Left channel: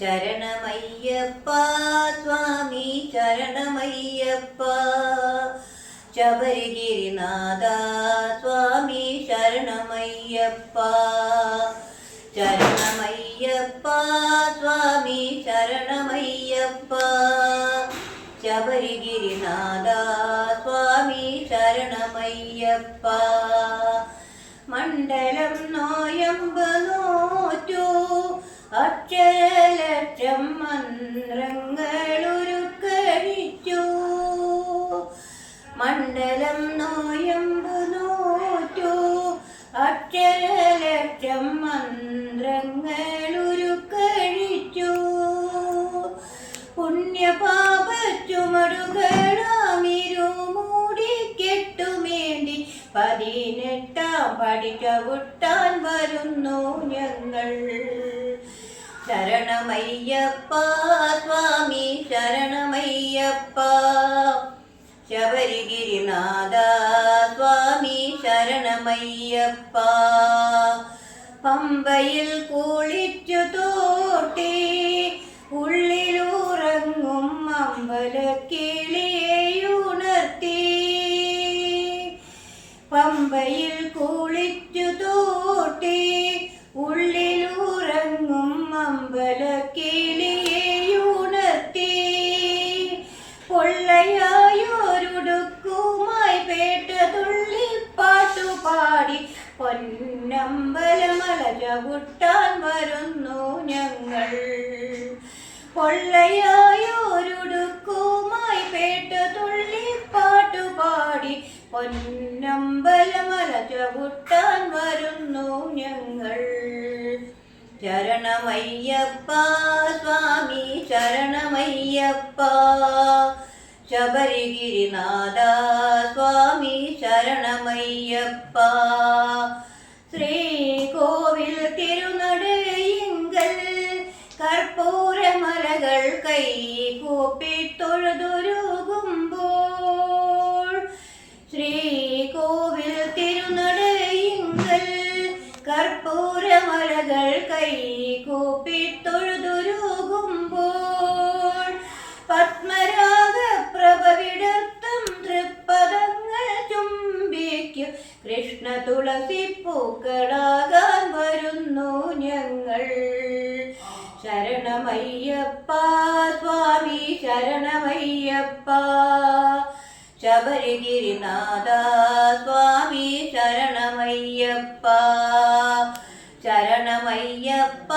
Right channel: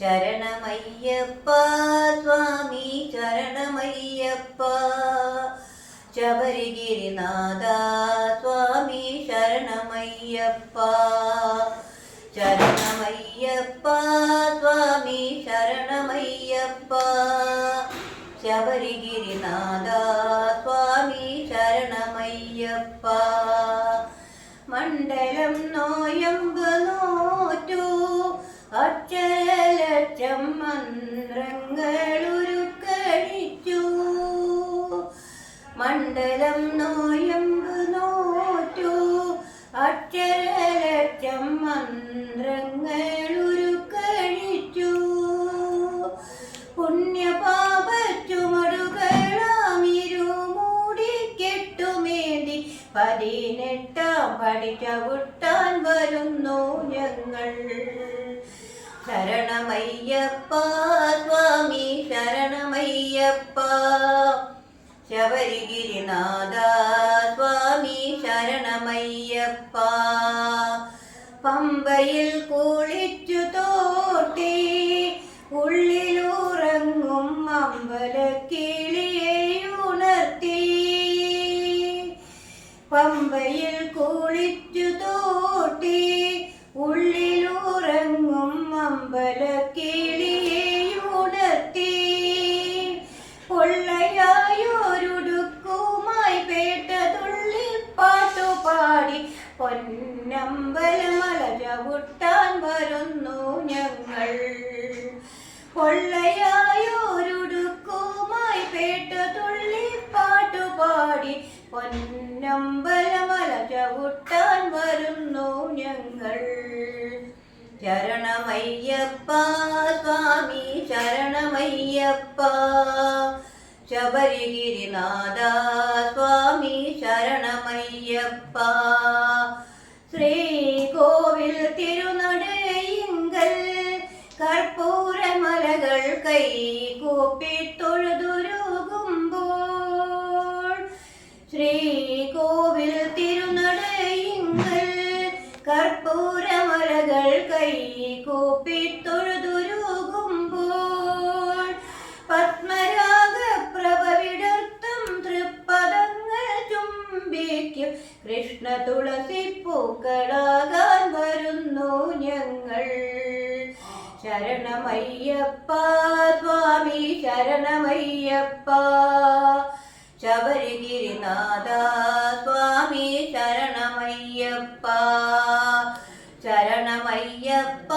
ശരണമയ്യപ്പ സ്വാമി ശരണമയ്യപ്പ ശബരിഗിരിനാഥ സ്വാമി ശരണമയ്യപ്പ ശരണമയ്യപ്പ സ്വാമി ശരണമയ്യപ്പ ശബരിഗിരിനാഥ സ്വാമി ശരണമയ്യപ്പ മണ്ഡലം നോയമ്പ് നോറ്റു അക്ഷരലക്ഷം മന്ത്രങ്ങളുരുക്കഴിച്ചു മണ്ഡലം നോയമ്പ് നോറ്റു അക്ഷരലക്ഷം മന്ത്രങ്ങളുരുക്കഴിച്ചു പുണ്യപാപ ചുമടുകളാമിരുമൂടിക്കെട്ടുമേന്തി 18-ാം പടി ചവിട്ടാൻ വരുന്നു ഞങ്ങൾ ശരണമയ്യപ്പ സ്വാമി ശരണമയ്യപ്പ ശബരിഗിരിനാഥ സ്വാമി ശരണമയ്യപ്പ പമ്പയിൽ കുളിച്ചു തോട്ടി ഉള്ളിലുറങ്ങും അമ്പലക്കിളിയുണർത്തി പമ്പയിൽ കുളിച്ചു തോട്ടി ഉള്ളിലുറങ്ങും അമ്പലക്കിളിയുണർത്തി പൊള്ളയായൊരുടുക്കുമായി പേട്ട തുള്ളിപ്പാട്ടുപാടി പൊന്നമ്പലമല ചവിട്ടാൻ വരുന്നു ഞങ്ങൾ പൊള്ളയായൊരുടുക്കുമായി പേട്ട തുള്ളിപ്പാട്ടുപാടി പൊന്നമ്പലമല ചവിട്ടാൻ വരുന്നു ഞങ്ങൾ ശരണമയ്യപ്പ സ്വാമി ശരണമയ്യപ്പ ശബരിഗിരിനാഥ സ്വാമി ശരണമയ്യപ്പ ശ്രീകോവിൽ തിരുനടയിങ്കൽ കർപ്പൂരമലകൾ കൈകൂപ്പി തൊഴുതുരുകുമ്പോൾ ശ്രീകോവിൽ തിരുനടയിങ്കൽ കർപ്പൂരമലകൾ കൈകൂപ്പി തൊഴുതുരുകുമ്പോൾ പത്മരാഗപ്രഭ വിടർത്തും തൃപ്പദങ്ങൾ ചുംബിക്കും കൃഷ്ണ തുളസി പൂക്കളാകാൻ വരുന്നു ഞങ്ങൾ ശരണമയ്യപ്പ സ്വാമി ശരണമയ്യപ്പ ശബരിഗിരിനാഥ സ്വാമി ശരണമയ്യപ്പ ശരണമയ്യപ്പ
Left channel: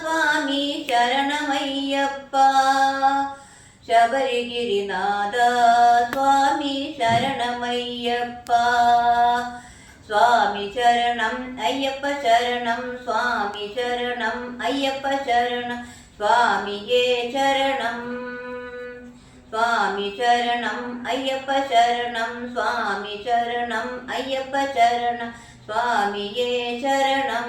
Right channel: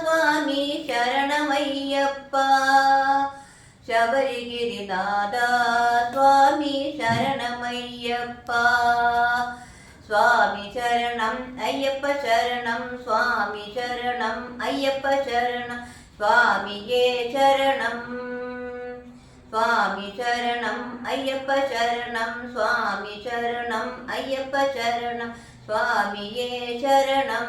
സ്വാമി ശരണമയ്യപ്പ ശബരിഗിരിനാഥ സ്വാമി ശരണമയ്യപ്പ സ്വാമി ശരണം അയ്യപ്പ ശരണം സ്വാമി ശരണം അയ്യപ്പ ശരണം സ്വാമിയേ ശരണം സ്വാമി ശരണം അയ്യപ്പ ശരണം സ്വാമി ശരണം അയ്യപ്പ ശരണം സ്വാമിയേ ശരണം